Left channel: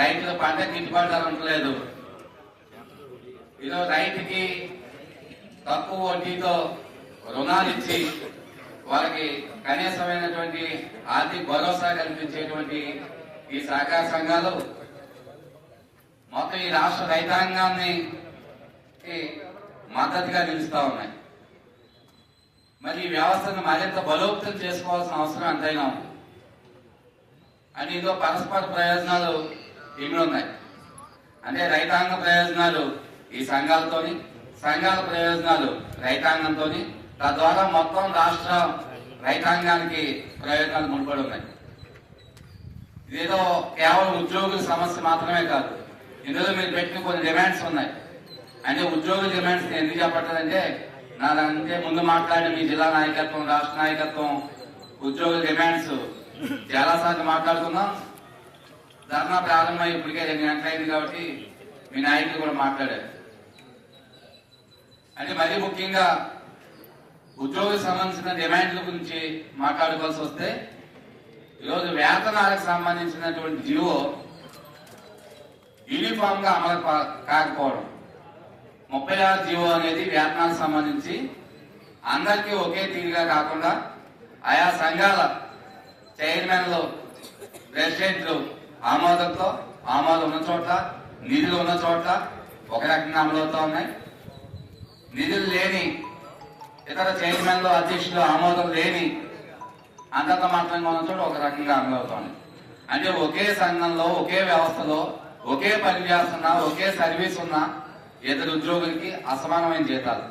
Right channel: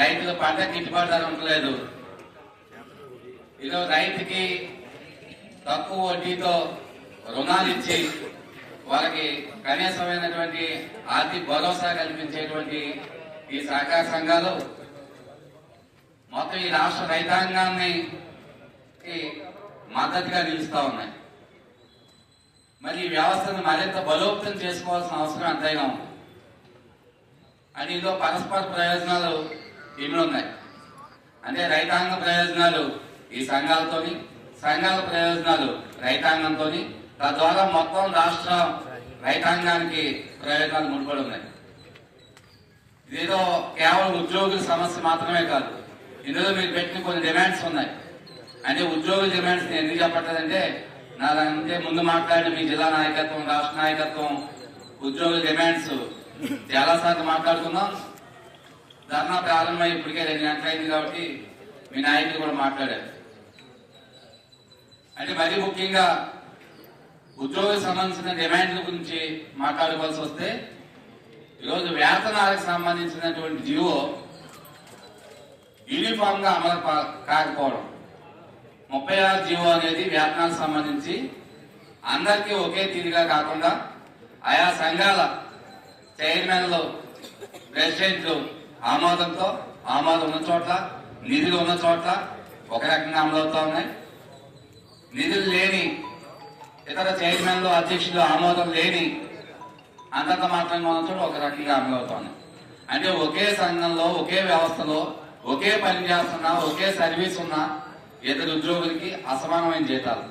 రైతుల పంట గిట్టుబాటు ధర ఉండలేదు. ఈరోజు రైతుకి తక్కువ వడ్డీతో రుణాలు ఇచ్చి వాళ్ళకి కనీసమైనటువంటి ఆర్థిక భరోసా కల్పించేటువంటి ఈ సహకార సంఘాలు మొత్తం ఈ రాష్ట్ర రైతాంగాన్ని మద్దతుగా నిలుస్తా ఉన్నాయి. మరి ఈ వ్యవస్థను మరింత బలోపేతం చేసుకోవాల్సిన అవసరం ఎంతైనా ఉంది. అని ఇదో పరస్పర ప్రయోజనాలు ఎన్ని ఉన్నాయి అంటే రైతాంగ ప్రయోజనాలు ఈ సంఘాలతోని, సంఘాల ప్రయోజనాలు రైతాంగంతో, తద్వారా మొత్తం రాష్ట్ర రైతాంగానికి ప్రయోజనాలు ముడిపడి ఉన్నాయి. ఇదేదో కేవలం ఉద్యోగుల సమస్య మాత్రమే కాదు, ఇందులో మీరు పెట్టిన కొన్ని డిమాండ్స్ ఉన్నాయి. అంటే ఉద్యోగుల డిమాండ్స్ ఎందుకు చెప్పట్లేదంటే నాకంటే ముందు మాట్లాడి మీ జిల్లా నాయకత్వం, రాష్ట్ర నాయకత్వం ఉద్యోగుల డిమాండ్స్ చాలాసార్లు మాట్లాడుతున్నాం. ధర్నా ప్రారంభమై ఇప్పటికే 2 గంటలైంది కాబట్టి మీ నాయకులు కూడా మాట్లాడారు. అంటే మరీ ముఖ్యంగా ఉద్యోగులకు సంబంధించిన డిమాండ్ల గురించి మాట్లాడుకోవాల్సి వస్తే ఈరోజు వేతనాలకు సంబంధించినటువంటి జీవో యూనిఫామ్ గా అమలు కాకపోవడం, 36 జీవో అనేది వేతనాలకు సంబంధించి అందరికీ ఒకే తీరుగా కాకుండా ఆయా సంఘాల చైర్మన్లు, ప్రెసిడెంట్లు ఆమోదంతో, ఆమోదం ఉన్న చోట్ల, నిధులు ఉన్న చోట్ల ఒక రకంగా అమలవుతా ఉన్నాయి. నిధులు లేని ఇతర చైర్మన్లు, అధ్యక్షులు ఆమోదం లేని అంతంత మాత్రంగా ఉన్న చోట ఒక రకంగా అమలవుతా ఉన్నాయి. అంటే ఒకే సంఘంలో, ఒకే వ్యవస్థలో, ఒకే పని చేస్తున్నా, ఒకే సర్వీస్ ఉన్న ఇద్దరు ఉద్యోగులకి అసమానమైన జీతాలు.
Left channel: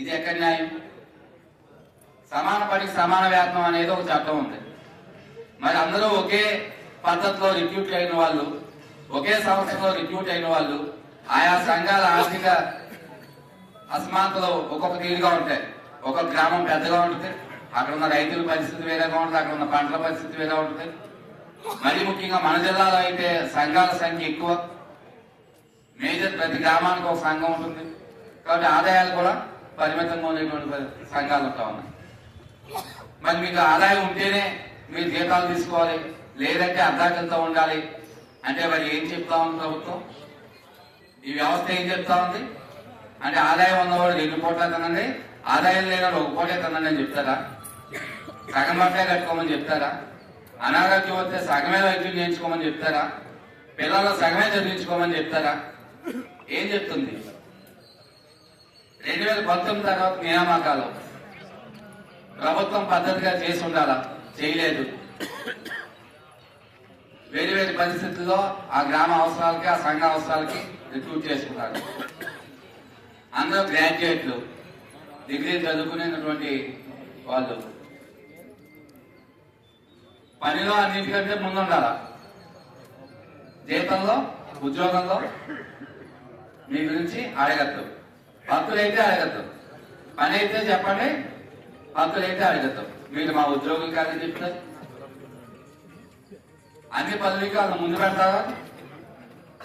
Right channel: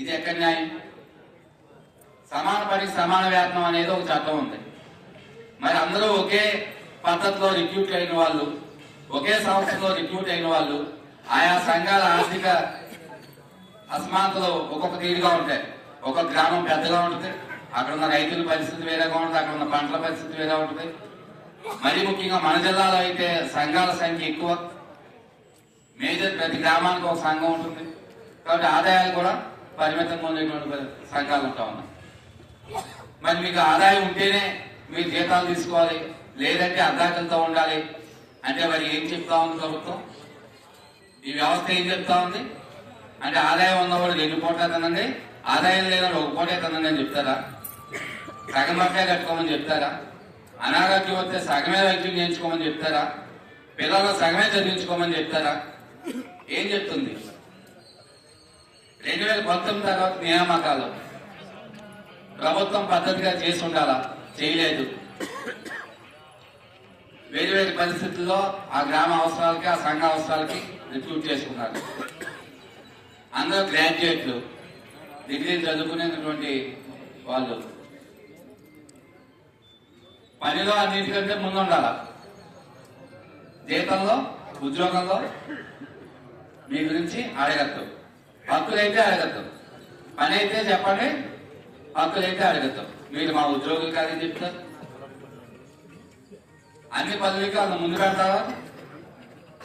ఇది ఎక్కడ న్యాయం? సమాన పనికి సమాన వేతనం అనేది ఒక చట్టం ఉంది. మరి అందరూ ఒకే పద్ధతిలో రిక్రూట్ అయిన వాళ్ళు, ఒకే సంస్థలో రిక్రూట్ అయిన వాళ్ళు ఆయా సంఘాల ఆర్థిక అసమానతలు ఒక్కొక్క తీరుగా ఉంటాయి. ఒక్కొక్క గ్రామం పెద్దగా ఉంటుంది, అక్కడ ఉన్న రైతుల పరిస్థితి వేరేగా ఉంటుంది, అక్కడ ఉన్న పంటల పరిస్థితి వేరే ఉంటుంది. మరి ముఖ్యంగా మన జిల్లాలో అయితే సంఘాల సంఖ్య ఎక్కువ, మేజర్ ప్రతి గ్రామానికి ఒక సంఘం ఉంటుంది కాబట్టి ఆదాయాలు కూడా పరిమితంగా ఉండేటువంటి సంఘాలు ఉంటా ఉన్నాయి. మరి మీకు ఆదాయం ఉంటేనే మీరు జీతాలు తీసుకోవాలి, లేదంటే అర్ధాకంతో ఉండాలి అంటే మరి ఏం చెప్తా ఉంది ప్రభుత్వం? ఈ వ్యవస్థ ఏం చెప్తా ఉంది అంటే ఆదాయం ఉన్నవాడు 2 కోట్ల తినండి, ఆదాయం లేని 1 కోటే తినండి అని చెప్తారా? సగం బట్టే కట్టుకోమని చెప్తారా? అనారోగ్యం వస్తే సగమే వైద్యం చేయించుకోమని చెప్తారా? పిల్లలు సగమే చదివించుకోమని చెప్తారా? ఏం చెప్తుంది? 2019 తర్వాత నియామకాలు ప్రభుత్వం పద్ధతిగా చేసి ఉండాలా? చేయలేదు. వేరు వేరు పరిస్థితుల్లో ఆ గ్రామ అవసరాలకి, ఆ సంఘ అవసరాలకి రిక్రూట్ చేసుకున్నారు. అందరూ గ్రాడ్యుయేట్లు, డిగ్రీ చదువుకునేటువంటి వాళ్ళు. పనిలో అన్నిటికంటే ముందు ఉండాల, జీతంలో, ఉద్యోగంలో మీ గురించి అడగద్దు. హక్కులైతే అడగద్దు, పని అయితే చెప్పండి, హక్కులైతే అడగద్దు. మీరు మా ఉద్యోగులు కాదని చెప్తారు. అన్ని పదవికి వాళ్ళు ముందు పెడతారా?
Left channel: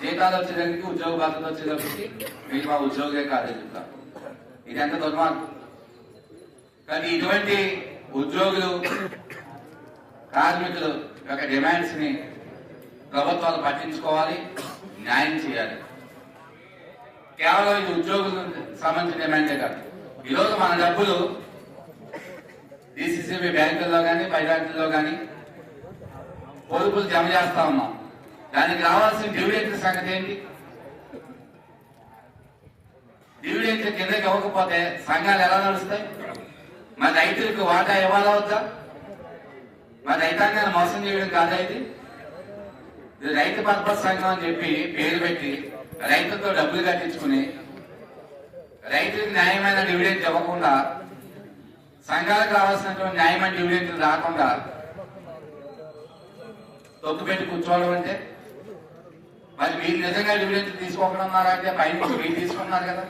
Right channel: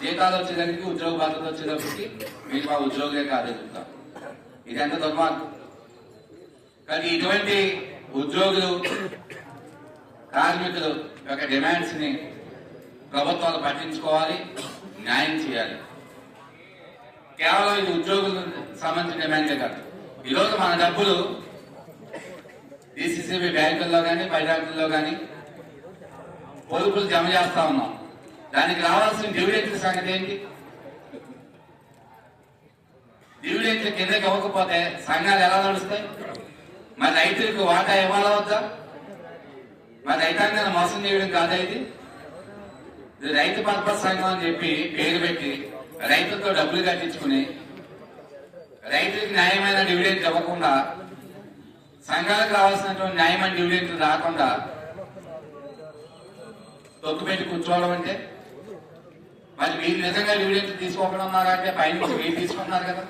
జీతాలు వచ్చేదానికి, ఉద్యోగ బాధ్యత వచ్చేటప్పటికి మీరు మా ఉద్యోగులే కాదని చెప్తారు. ఇది ఎంత దుర్మార్గం. కానీ ఇటువంటి ఉద్యోగులు, కార్మికులు యొక్క డిమాండ్స్ ని ప్రభుత్వాలు పట్టించుకోవాలి, న్యాయం చేయాలి. కేవలం ఇది ఉద్యోగులకు సంబంధించిన డిమాండే కాదు. ఈరోజు మన డబ్బులు డిసిసిబి బ్యాంకుల్లో కానీ, బైబ్యాంకుల్లో కానీ పొదుపులు జమ చేస్తా ఉన్నాం. దానికి రావాల్సిన డివిడెంట్ల సంగతి ఏంటి? డివిడెంట్లు కిందకి ఇవ్వకపోతే సంఘాలు ఎలా నడుస్తాయి? మరి రైతులకు వాటా ఇవ్వాలా వద్దా? మరి రైతాంగాన్ని మోసం చేయడం కాదా ఇది? రైతు పర్పస్ సంఘం అని చెప్పి పేరు పెట్టి రైతులతో డబ్బులు కట్టించుకుని రైతులకు న్యాయమైన డివిడెంట్ ఇవ్వకుండా, సంఘాలకు రావాల్సినటువంటి న్యాయమైన డివిడెంట్లు రాకుండా తొక్కు పెట్టి కూర్చోవడం అంటే, మరి మీరు నిజంగా డివిడెంట్ తీసుకోకుండా పైన మీరు తీసుకున్నారు కదా.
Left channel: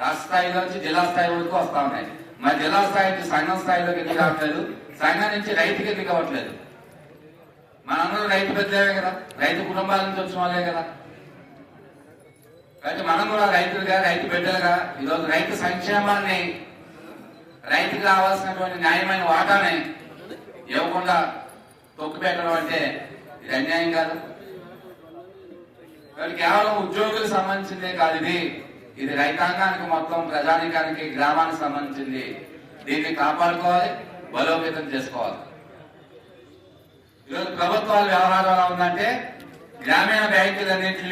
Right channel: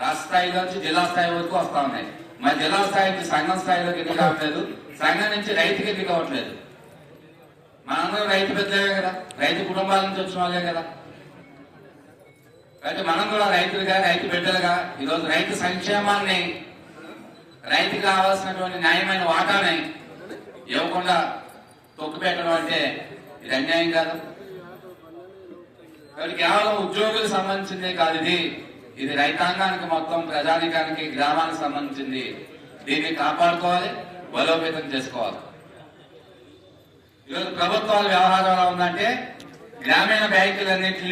రాష్ట్ర స్థాయి నుంచి జిల్లా స్థాయి వరకు వస్తా ఉన్నాయి. మరి జిల్లా స్థాయికి సంఘం స్థాయిలోకి ఎందుకు రావట్లేదు? సంఘం నుంచి రైతుకి ఎందుకు అవ్వట్లేదు? మనందరం రైతు పెద్దలే కదా, రైతు కుటుంబాల నుంచి వచ్చిన వాళ్ళే కదా. కాబట్టి మనం కూడా రైతులుగా, రైతు బిడ్డలుగా ఈరోజు రైతు సంక్షేమాన్ని, రైతుకు కావాల్సినటువంటి న్యాయమైన వాటాని ఇవ్వకుండా తొక్కు పెట్టడం అంటే ఇది అన్యాయం కాదు. కాబట్టి కేవలం ఉద్యోగులకు సంబంధించిందే కాదు ఇది రైతాంగానికి మొత్తం ప్రజానికానికి గ్రామానికి సంబంధించింది. దీన్ని కాపాడుకోవాలి, బలోపేతం చేసుకోవాలి. ఈరోజు ప్రభుత్వాల వ్యవహారం ఎలా ఉందంటే గ్రామీణ బ్యాంకులన్నింటినీ